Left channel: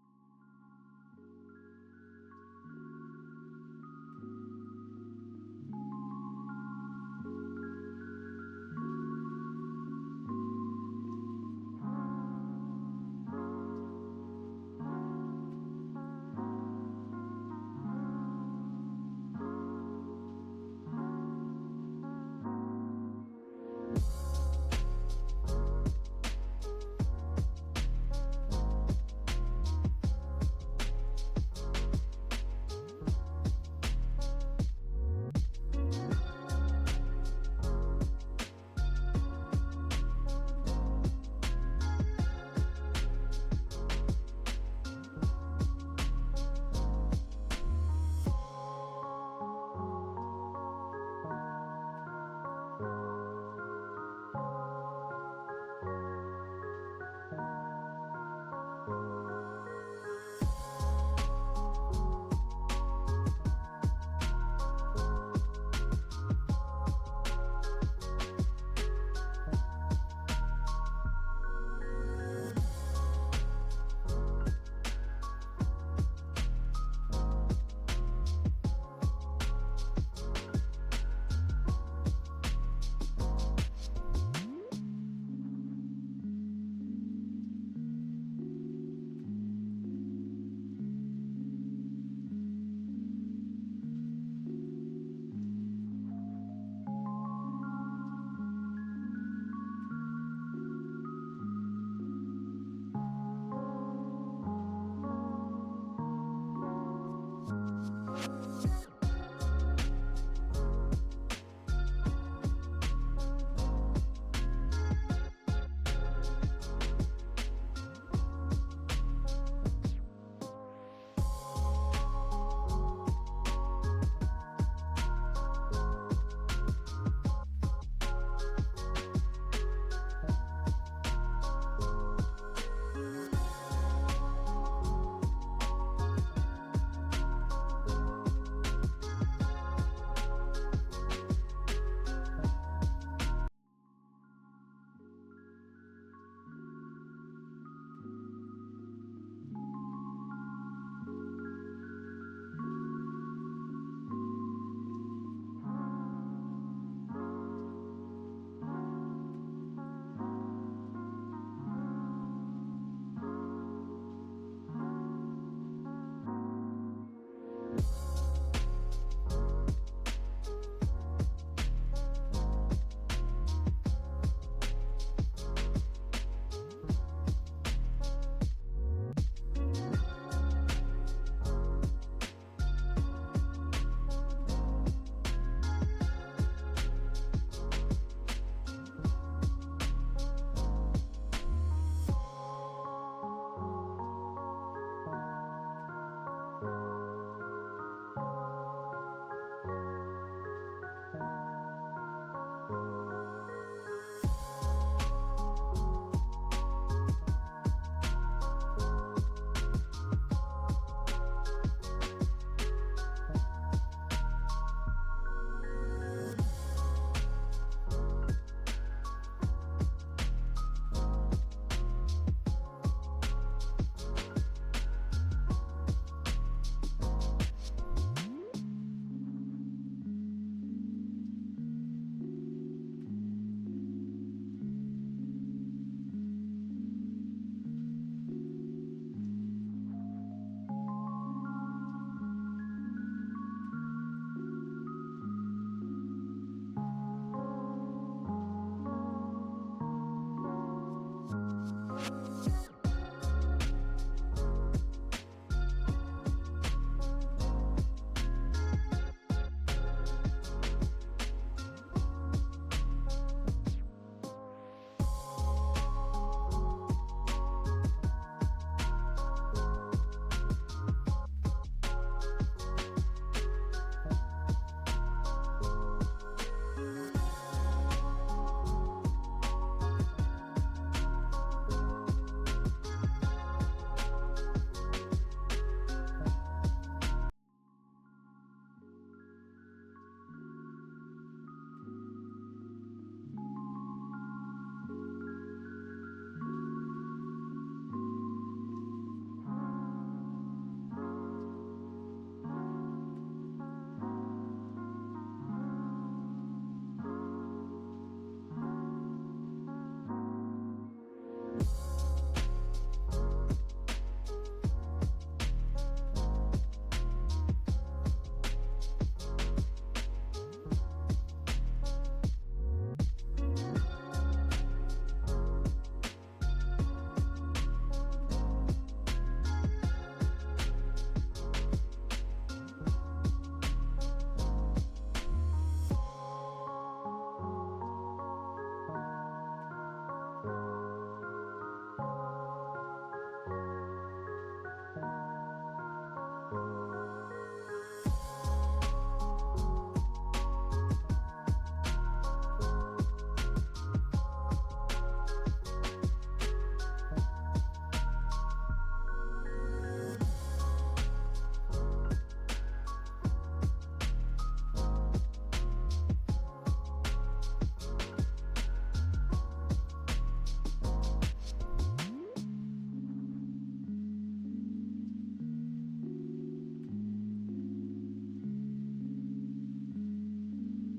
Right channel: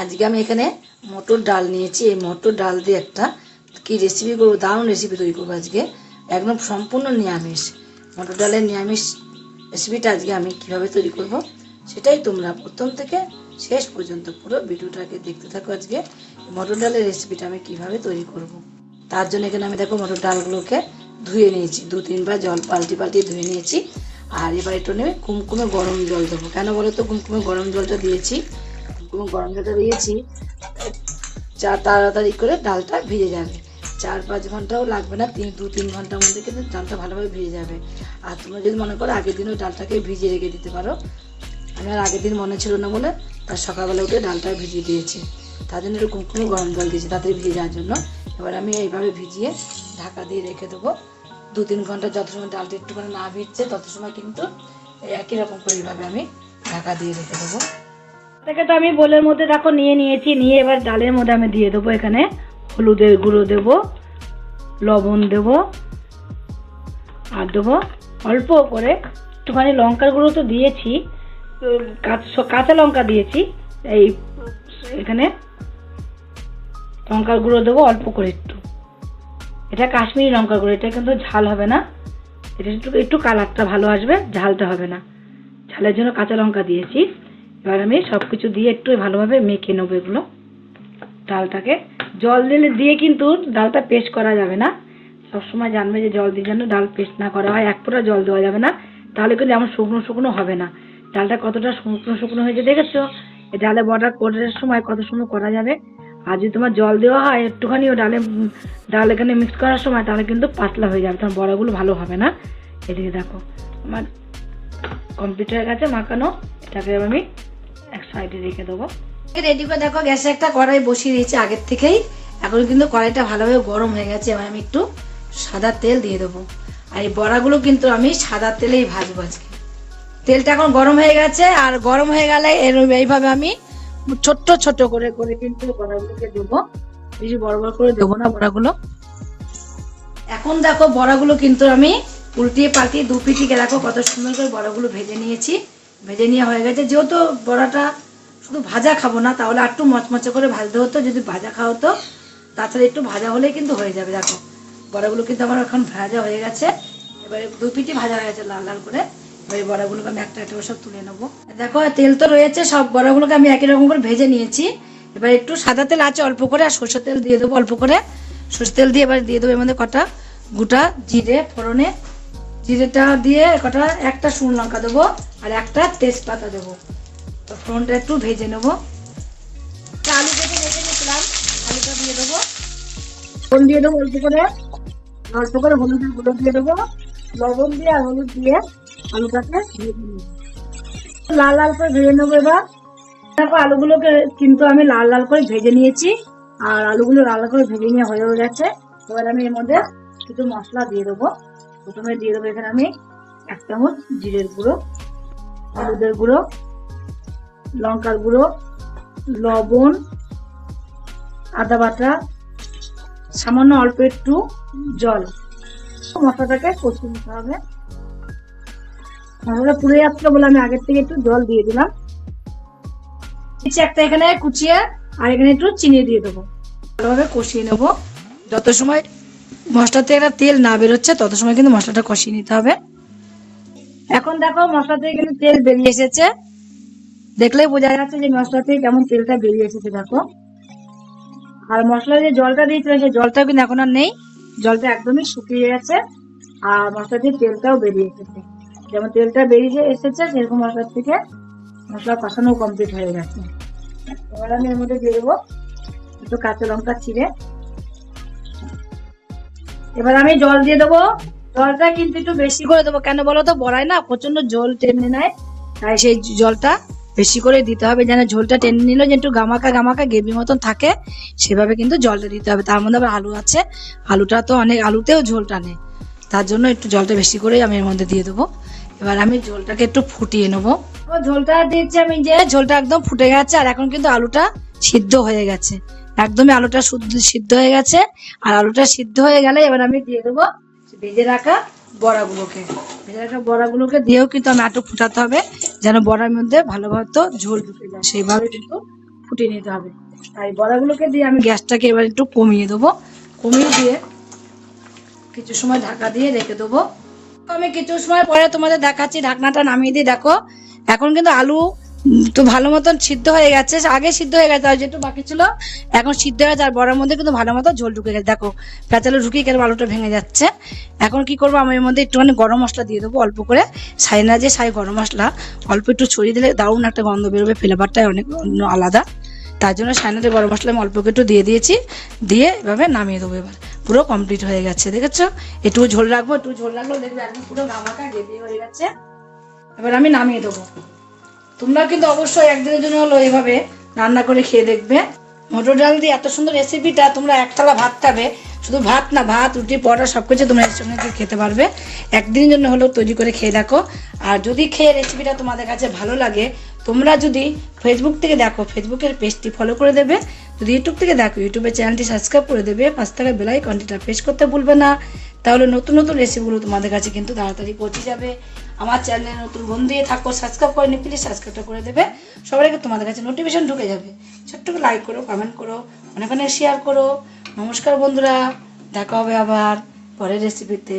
আজকে আমি এখানে মটর ডাল নিয়েছি। এই মটর ডাল দিয়ে একটা কি রেসিপি করব, দারুণ রেসিপি তৈরি করব আজকে। একদম সম্পূর্ণ নিরামিষ। মটর ডালের নিরামিষ রেসিপিটা আজকে আমি কীভাবে তৈরি করব, সেটাই তোমরা প্রথম থেকে শেষ পর্যন্ত পুরো ভিডিওটাকে দেখতে থাকো আজকে। মটর ডালের রেসিপিটা আমি কীভাবে তৈরি করব। তার জন্য এখানে আমি দেখো মটর ডালগুলোকে ধুয়ে নিয়েছি। দু, তিনবার জল পাল্টি পাল্টি ধুয়ে নিয়েছি। আর এবার একটু নেবে কুমকুমে গরম জল দেবো। কেন বলো তো? কুমকুমে গরম জলটা দিয়েছি। কুমকুমে গরম জলটা দিয়েছি চা তাড়াতাড়ি করে ডালটা ভিজে যাবে। চার পাঁচ ঘন্টাও লাগবে না, তিন দু তিন ঘণ্টার মধ্যে কিন্তু ডালটা ভালোভাবে ভিজে যাবে। আর তোমরা যদি মনে করো আগের দিন ওই ডালটাকে ভিজিয়ে রেখে দিতে পারো, আমি আর আগের দিন মনে ছিল না বলে তার সকালবেলা উঠে ডালটা ভিজিয়ে দিয়েছি। তার জন্য একটু কুমকুমে গরম জল দিয়েছি তাড়াতাড়ি ভিজে যাওয়ার জন্য। এবার আমি এইভাবে ভিজিয়ে ঢাকা দিয়ে রেখে দেবো। দু তিন ঘণ্টা যত সময় ডালটা একটুখানি না ভিজছে, তত সময় কিন্তু একই রকম করে এইভাবে আমি ঢাকা দিয়ে রেখে দেবো। থেকে তো আমি বোলের মধ্যে দেখো নিয়ে নিয়েছি, নিয়ে এবার ডালের মধ্যে আমি দিয়ে দেবো এখানে। হলুদের গুঁড়ো দেবো, লবণ দেবো, আর দেবো অল্প করে একটুখানি লঙ্কার গুঁড়ো তো দিয়েছি কাঁচা লঙ্কা দিয়েছি, এই এখানে লঙ্কার গুঁড়ো দেবো অল্প করে একটু। এটা কাশ্মীরি লঙ্কার গুঁড়ো, এটা কিন্তু ঝাল হবে না। এটা একটু একটু কালারটা ভালো আসবে, ঝালটা হবে না। ঝালের জন্য কাঁচা লঙ্কা দিয়েছি। এবার আমি সব কিছু দিয়ে একটু ভালোভাবে মেখে নেব এগুলো। ডালটাকে জল দিলে দিয়ে কিন্তু ডালটা পেস্ট করা যাবে না। সবসময় জানবে যে জল দিয়ে যেন ডাল পেস্ট না করা হয়, এক ফোঁটা জল দেওয়া যাবে না। তাহলে কিন্তু এমন শুকনো শুকনো হবে না। ডালটা কতটা শুকনো শুকনো হয়েছে দেখেছ? এই ডালে বড়া করার সময় কত সময় করা যাবে? আর যদি তোমার জল দেওয়া হয় একটুখানি ও ডালে, ডাল এখানে মিক্স করার সময়, তাহলে কিন্তু পাতলা হয়ে যাবে। তোমার বড়াগুলো ভালো হবে না। এদিকে দেখো, আমার কমপ্লিট হয়ে গেছে মাখানো এবার আমি সাইডে রেখে দেবো। রেডি করে দেখো, গ্যাসে একটা কড়াই বসিয়ে দিয়েছি আগের থেকেই। এখন কিন্তু কড়াইটা ভালোভাবে গরম হয়ে গেছে, এবার আমি একটু সাদা তেল দিয়ে দেবো। আর এই বড়াগুলো কিন্তু আমি সাদা তেলেই ভাজবো আজকে। তেলটা এখন গরম হয়ে গেছে, আর গরম হয়ে গেলে এর এইভাবে আমি ছোট্ট ছোট করে করে কিন্তু বড়াগুলোকে দেবো। বেশি বড় বড় করে দেবো না বড়াগুলো? এখন দেখো, বড়াগুলো কিন্তু আমি উল্টিয়ে পাল্টিয়ে দু পিটিকে দেখো কত সুন্দর করে বড়াগুলো ভেজে নিয়েছি। ভেজে নেওয়া হয়ে গেছে। যেহেতু বড়াটা শুধু ভাজা খাব না, তাহলে একটু মচমচে করে ভাজতে হতো। যদি ভাজা খাওয়া হতো, তাছাড়া একটু ভাজা হলেই কিন্তু হয়ে যাবে। দেখো, বড়াগুলো কিন্তু আমার এখন ভাজা হয়ে গেছে। এবারে দু পিটি ভাজা হয়ে গেছে লাল লাল করে। এবার বড়াগুলোকে আমি একটা একটা সব তুলে নেব। দেখো তেল তো রয়েছে, সব বড়াগুলোকে আমি একই রকম করে ভেজে নিয়েছি। এবার একটু সাদা তেল আছে, অল্প করে, আর সরষের তেল দিয়ে দেবো অল্প করে। সরষের তেল দিয়ে এবার দিয়ে দেবো এর মধ্যে কটা? গোটা জিরে, ফোড়নে। জিরেটা দিয়ে কটা? একটা শুকনো লঙ্কা দেবো। আর একটা তেজপাতা দেবো। তো ফোড়নটা একটু ভেজে নেব। আলু কেটে ভেজে নিয়েছিলাম, আলুটা দিয়ে দেবো। ফোড়ন দিয়ে দেবো অল্প করে। অল্প করে হলুদের গুঁড়ো দিয়ে দেবো। লবণ দিয়ে আর হলুদ দিয়ে আলুটাকে ভেজে নেব। লাল লাল করে ভেজে নেব এবার। দেখো, আলুগুলোকে কিন্তু আমি লাল লাল করে ভেজে নিয়েছি। আর আলুগুলো লাল করে ভেজে নিয়ে হয়ে গেছে। এবার আমি এর মধ্যে কিছু মশলা দিয়ে দেবো। প্রথমে দিয়ে দেবো এখানে আমি এক চামচ জিরের গুঁড়ো। হলুদের গুঁড়ো, লঙ্কার গুঁড়ো, লবণ, আদা বাটা, সামান্য অল্প একটু জল। মশলাটাকে কষিয়ে নিতে হবে। মশলাটা পুড়ে যাচ্ছিল বলে আমি আগের থেকে একটু জল দিয়ে দিলাম। একটা এখানে কুচিয়ে আর এখানে একটু চিনি দিয়ে দেবো। ভালোভাবে কষিয়ে নেব। যত সময় মশলাতে একটা তেল না বেরোচ্ছে, তত সময় কিন্তু মশলাটা কষিয়ে নিতে হবে। এখন দেখো মশলা থেকে কিন্তু তেল বেরিয়ে এসেছে। দেখলেই বোঝা যাচ্ছে যে মশলা থেকে কেমন তেলটা বেরিয়ে এসেছে, দেখো। আর মশলা যে জলটা দিয়েছিলাম, সেই জলটা কিন্তু এখন আর নেই। জলটা একদমই শুকিয়ে গেছে, আর মশলা থেকে তেলটাও বেরিয়ে এসেছে। যেমন তেলটা বেরিয়ে এসেছে, সেরকম মশলার থেকে মশলা কষানো কমপ্লিট হয়ে গেছে। এবার আমি এর মধ্যে দিয়ে দেবো একটু কাঁচা লঙ্কা চিড়ে এবার আমি জল দিয়ে দেবো জলটা কিন্তু একটু বেশি করে দেবো। কেন বলো তো? বড়াই না প্রচণ্ড জল টেনে নেয়। তাই সেই জলটা বেশি করে দিতে হবে যেন ঝোলটা টেনে নিল যে একটু গামাকা গামাকা গ্রেভি মতন থাকে, সেভাবে কিন্তু জলটা দিতে হবে। তার মধ্যে আবার আলু আছে। আলুটা তো অনেক, আলুতেও ঝোল টানে। তার জন্য একটু জলটা বেশি করে আমি এর মধ্যে দিয়ে দেবো। এবার আমি ঝোলটাকে একটু ফুটিয়ে নেব। ঝোলটা দিচ্ছি আমি যে ঝোলটা একদম ফুটে গেছে আর এখন কিন্তু আলুটা সিদ্ধ হয়ে গেছে। একদমই আলুটা সিদ্ধ হয়ে গেছে। আর আলুটা সিদ্ধ হয়ে গেলে এবার আমি দিয়ে দেবো ভেজে রাখা বড়াগুলোকে। ভেজে রাখা বড়াগুলোকে দিয়েও কিন্তু আমি একটু ফুটাতে হবে, যেন বড়ার মধ্যে ভালোভাবে তো ঝোল ঢুকে যায়। সেইভাবে কিন্তু ফুটিয়ে নিতে হবে। তাই বড়াগুলোকে দিয়ে আমি গ্যাসটাকে এবার একটু কমিয়ে দেবো। কমিয়ে দিয়ে কিছু সময় ঢাকা দিয়ে রেখে দেবো। আমি কিছু সময় পরে তোমাদের দেখাচ্ছি, ঢাকনাটা নামিয়ে দিয়ে দেখো, এখন কিন্তু আলু তো ভালো মতন সিদ্ধ হয়ে গেছে, আগে সিদ্ধ হয়ে গেছে, আর যেটু বাকি ছিল, এখন সিদ্ধ হয়ে গেছে, আর বড়ার মধ্যে কিন্তু ভালো মতো ঝোল ঢুকে গেছে। দেখো পেঁচালো ঢুকিয়ে কেন আলুটা ভেঙে যাচ্ছে। এখন কি করব, আমি এর মধ্যে একটুখানি গরম মশলা দিয়ে দেবো, অল্প করে। সাইনা যে সাই গরম মশলা, অল্প একটু ছড়িয়ে দিলে দারুণ একটা গন্ধ বেরোবে ফ্লেভারটাই অনেক আলাদা। তার জন্য সাইনাতে গরম মশলা, আমি অল্প একটু দিয়ে দিয়েছি, দিয়ে এভাবে নামিয়ে দেবো এবার। পুরো কমপ্লিট হয়ে গেছে, দেখেছ? একটু ঝোল রাখব একটু ঝোল রাখলেও দেখবে একদম পুরো গামাকা গ্রেভি হয়ে গেছে। এবার আমি নামিয়ে দেবো। তোমরা কিন্তু অবশ্যই একদিনের জন্য হলো এইভাবে রান্না করে খেয়ে দেখবে। মটর ডাল দিয়ে এত সুন্দর রেসিপিটা তোমরা একতলা ভাত খাবে। শুধু ভাত না, ভাত, রুটি, পরোটা সব কিছু তোমরা এর সঙ্গে খেতে পারবে। একদিনের জন্য হলেও তৈরি করে খেয়ে দেখো। আর যদি খেয়ে রেসিপিটা তোমাদের কাছে ভালো লাগে, তোমরা যদি ফেসবুক থেকে দেখো ফেসবুকের পেজটি ফলো করে দেবে। যদি ইউটিউব থেকে দেখো ইউটিউবের চ্যানেলটি সাবস্ক্রাইব করে দেবে। পাঁচ টাকা বেলাই কন্টিটা প্রেস করতে ভুলবে না। তাহলে নতুন নতুন রেসিপিগুলো তোমাদের কাছে কিন্তু তাড়াতাড়ি পৌঁছে যাবে। আমার চ্যানেলে নতুন বন্ধু দিয়ে থাকো সাবস্ক্রাইব করে নি প্লিজ সাবস্ক্রাইবটা করে দেবে। সবার আগে তোমাদের কাছে নোটিফিকেশন ঢুকে যাবে। ছোট্ট লাইক করো কমেন্ট করো, অনেক অনেক শেয়ার করো। নমস্কার বন্ধুরা, দেখা হবে আবার পরের রেসিপিতে